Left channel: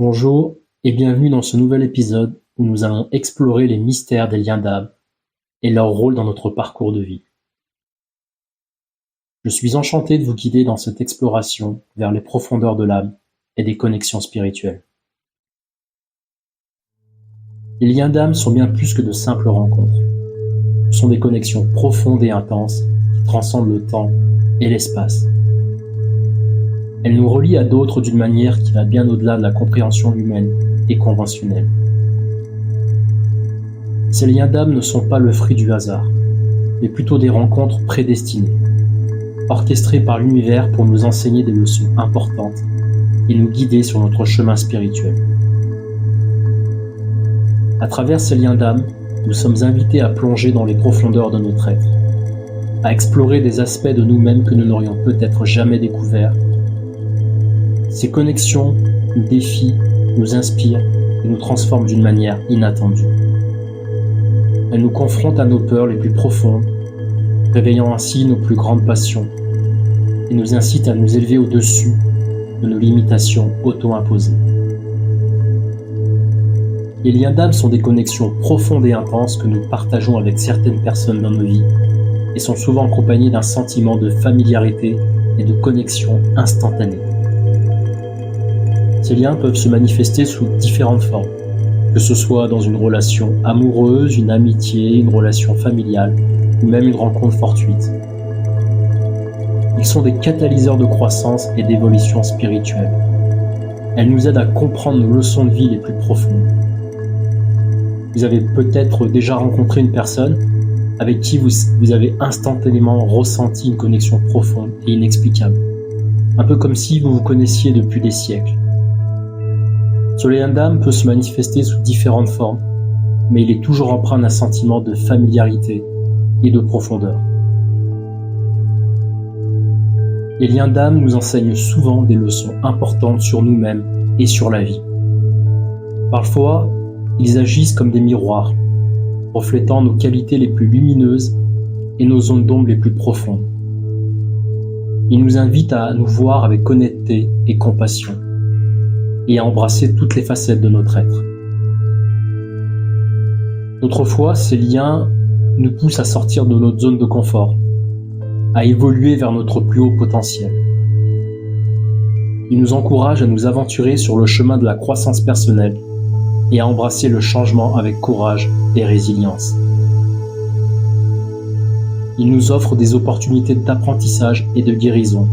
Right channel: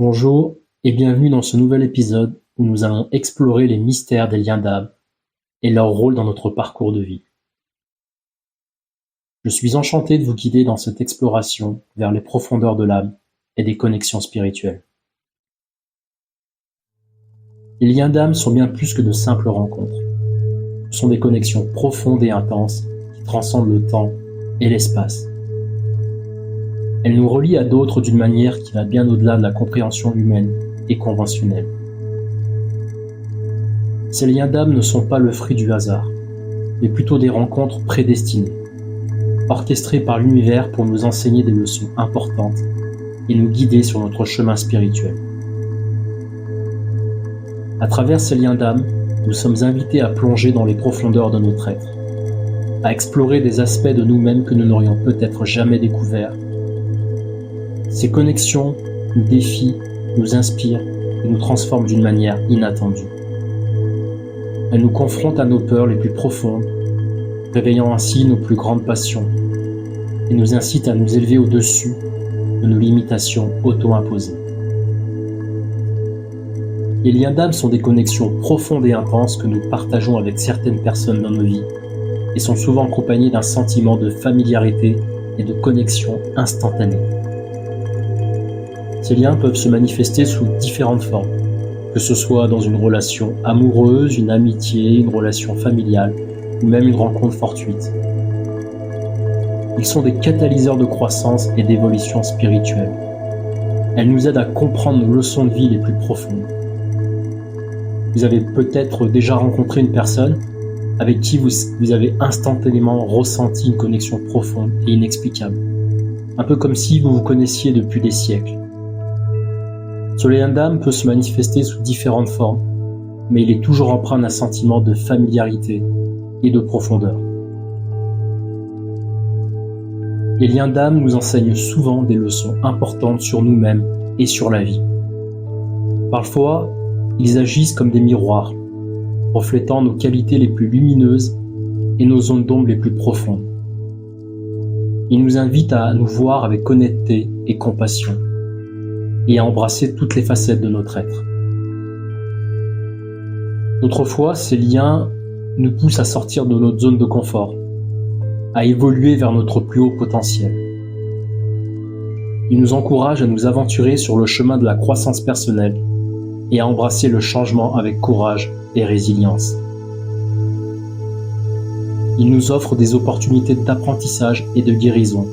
Bonjour et bienvenue dans ce nouvel épisode où nous allons explorer les mystères des liens d'âme et leur rôle dans notre parcours de vie. Je suis enchanté de vous guider dans cette exploration vers les profondeurs de l'âme et des connexions spirituelles. Les liens d'âme sont bien plus que de simples rencontres. Ce sont des connexions profondes et intenses qui transcendent le temps et l'espace. Elles nous relient à d'autres d'une manière qui va bien au-delà de la compréhension humaine et conventionnelle. Ces liens d'âme ne sont pas le fruit du hasard, mais plutôt des rencontres prédestinées, orchestrées par l'univers pour nous enseigner des leçons importantes et nous guider sur notre chemin spirituel. À travers ces liens d'âme, nous sommes invités à plonger dans les profondeurs de notre être, à explorer des aspects de nous-mêmes que nous n'aurions peut-être jamais découverts. Ces connexions nous défient, nous inspirent et nous transforment d'une manière inattendue. Elles nous confrontent à nos peurs les plus profondes, réveillant ainsi nos plus grandes passions, et nous incitent à nous élever au-dessus de nos limitations auto-imposées. Les liens d'âme sont des connexions profondes et intenses que nous partageons avec certaines personnes dans nos vies et sont souvent accompagnées d'un sentiment de familiarité et de connexion instantanée. Ces liens peuvent se manifester sous différentes formes, que ce soit dans une relation amoureuse, une amitié, une relation familiale ou même une rencontre fortuite. Ils sont des catalyseurs de croissance et d'évolution spirituelle. Elles nous aident à comprendre nos leçons de vie les plus profondes. Vous avez peut-être déjà rencontré une personne avec qui vous avez instantanément ressenti une connexion profonde et inexplicable, un peu comme si vous vous connaissiez depuis des siècles. Ce lien d'âme peut se manifester sous différentes formes, mais il est toujours empreint d'un sentiment de familiarité et de profondeur. Les liens d'âme nous enseignent souvent des leçons importantes sur nous-mêmes et sur la vie. Parfois, ils agissent comme des miroirs, reflétant nos qualités les plus lumineuses et nos zones d'ombre les plus profondes. Ils nous invitent à nous voir avec honnêteté et compassion, et à embrasser toutes les facettes de notre être. D'autres fois, ces liens nous poussent à sortir de notre zone de confort, à évoluer vers notre plus haut potentiel. Ils nous encouragent à nous aventurer sur le chemin de la croissance personnelle et à embrasser le changement avec courage et résilience. Ils nous offrent des opportunités d'apprentissage et de guérison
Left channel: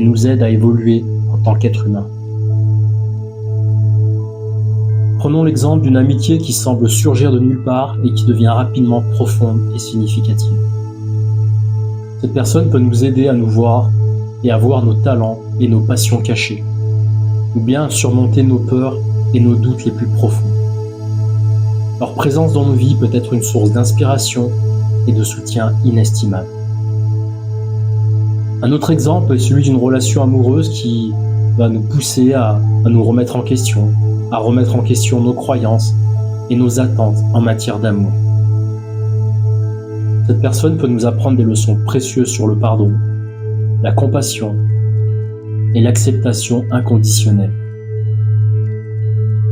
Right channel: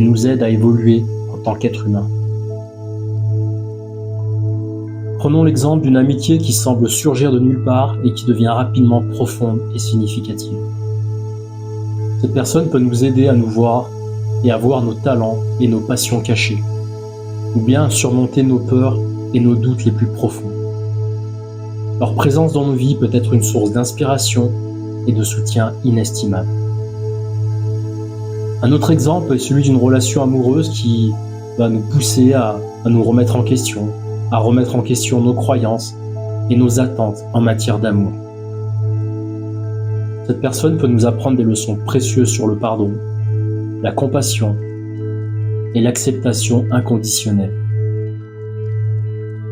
et nous aident à évoluer en tant qu'être humain. Prenons l'exemple d'une amitié qui semble surgir de nulle part et qui devient rapidement profonde et significative. Cette personne peut nous aider à nous voir et à voir nos talents et nos passions cachées, ou bien à surmonter nos peurs et nos doutes les plus profonds. Leur présence dans nos vies peut être une source d'inspiration et de soutien inestimable. Un autre exemple est celui d'une relation amoureuse qui va nous pousser à nous remettre en question, à remettre en question nos croyances et nos attentes en matière d'amour. Cette personne peut nous apprendre des leçons précieuses sur le pardon, la compassion et l'acceptation inconditionnelle.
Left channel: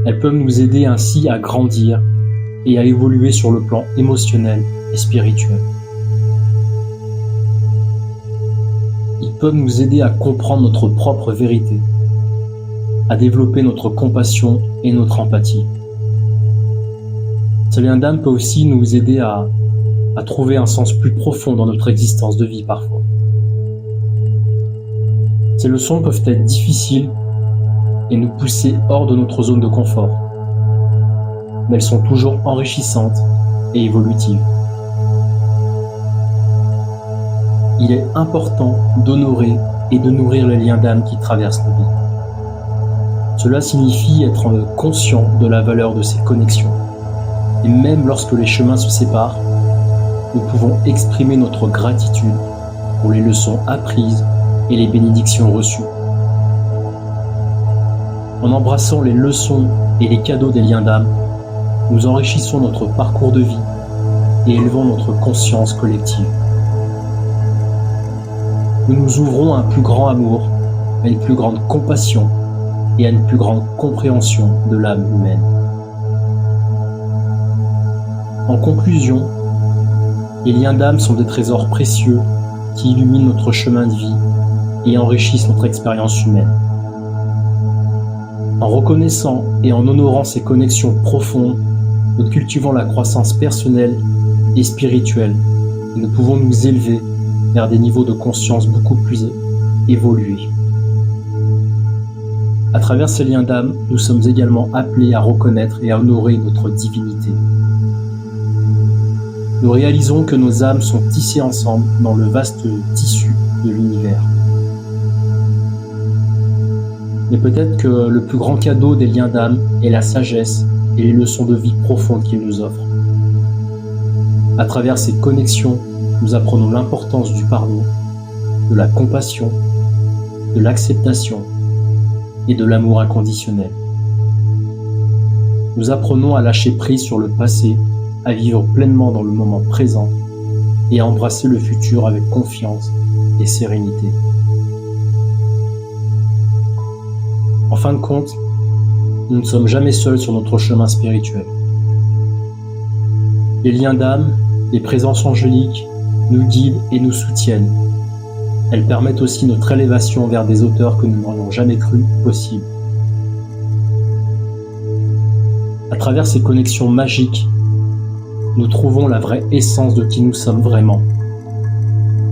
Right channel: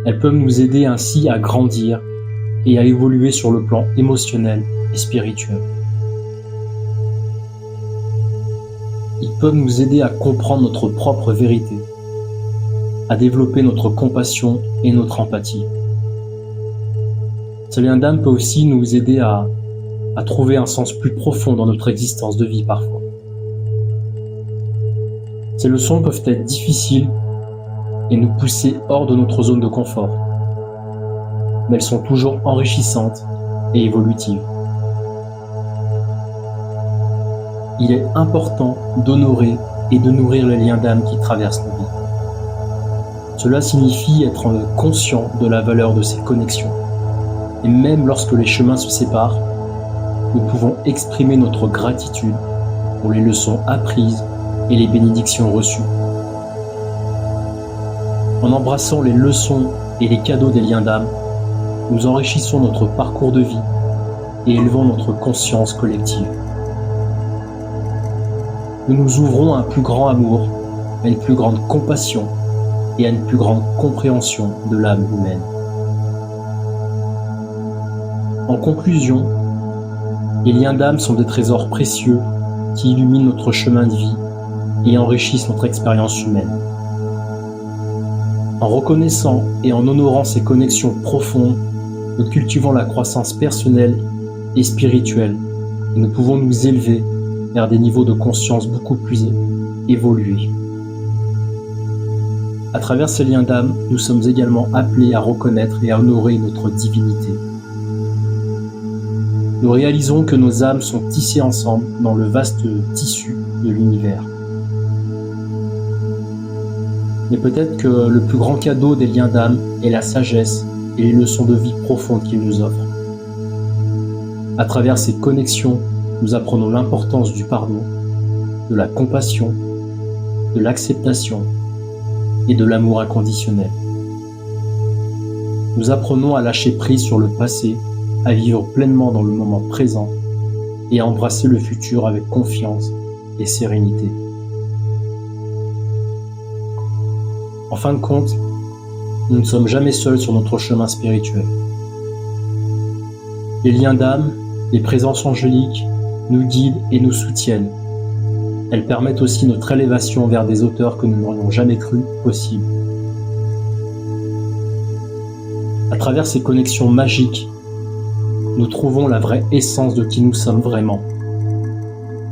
Elles peuvent nous aider ainsi à grandir et à évoluer sur le plan émotionnel et spirituel. Ils peuvent nous aider à comprendre notre propre vérité, à développer notre compassion et notre empathie. Ce lien d'âme peut aussi nous aider à trouver un sens plus profond dans notre existence de vie parfois. Ces leçons peuvent être difficiles et nous pousser hors de notre zone de confort, mais elles sont toujours enrichissantes et évolutives. Il est important d'honorer et de nourrir les liens d'âme qui traversent nos vies. Cela signifie être conscient de la valeur de ces connexions. Et même lorsque les chemins se séparent, nous pouvons exprimer notre gratitude pour les leçons apprises et les bénédictions reçues. En embrassant les leçons et les cadeaux des liens d'âme, nous enrichissons notre parcours de vie et élevons notre conscience collective. Nous nous ouvrons à un plus grand amour, à une plus grande compassion et à une plus grande compréhension de l'âme humaine. En conclusion, les liens d'âme sont des trésors précieux qui illuminent notre chemin de vie et enrichissent notre expérience humaine. En reconnaissant et en honorant ces connexions profondes, nous cultivons la croissance personnelle et spirituelle et nous pouvons nous élever vers des niveaux de conscience beaucoup plus évolués. À travers ces liens d'âme, nous sommes également appelés à reconnaître et à honorer notre divinité. Nous réalisons que nos âmes sont tissées ensemble dans le vaste tissu de l'univers. Mais peut-être que le plus grand cadeau des liens d'âme est la sagesse et les leçons de vie profondes qu'ils nous offrent. À travers ces connexions, nous apprenons l'importance du pardon, de la compassion, de l'acceptation et de l'amour inconditionnel. Nous apprenons à lâcher prise sur le passé, à vivre pleinement dans le moment présent et à embrasser le futur avec confiance et sérénité. En fin de compte, nous ne sommes jamais seuls sur notre chemin spirituel. Les liens d'âme, les présences angéliques, nous guident et nous soutiennent. Elles permettent aussi notre élévation vers des hauteurs que nous n'aurions jamais cru possibles. À travers ces connexions magiques, nous trouvons la vraie essence de qui nous sommes vraiment.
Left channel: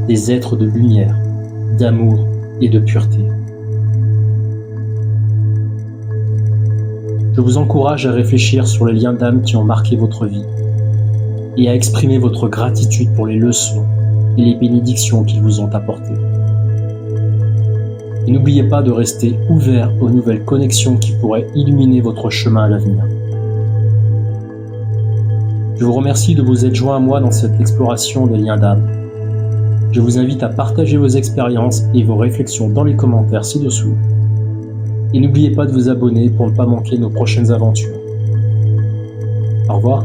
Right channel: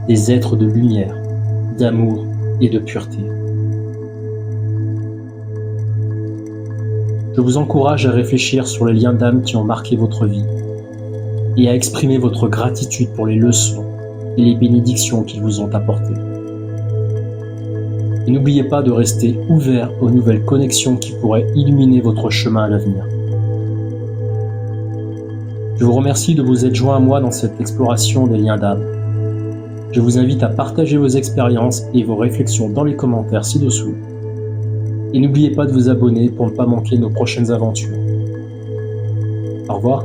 Des êtres de lumière, d'amour et de pureté. Je vous encourage à réfléchir sur les liens d'âme qui ont marqué votre vie et à exprimer votre gratitude pour les leçons et les bénédictions qu'ils vous ont apportées. Et n'oubliez pas de rester ouvert aux nouvelles connexions qui pourraient illuminer votre chemin à l'avenir. Je vous remercie de vous être joint à moi dans cette exploration des liens d'âme. Je vous invite à partager vos expériences et vos réflexions dans les commentaires ci-dessous. Et n'oubliez pas de vous abonner pour ne pas manquer nos prochaines aventures. Au revoir.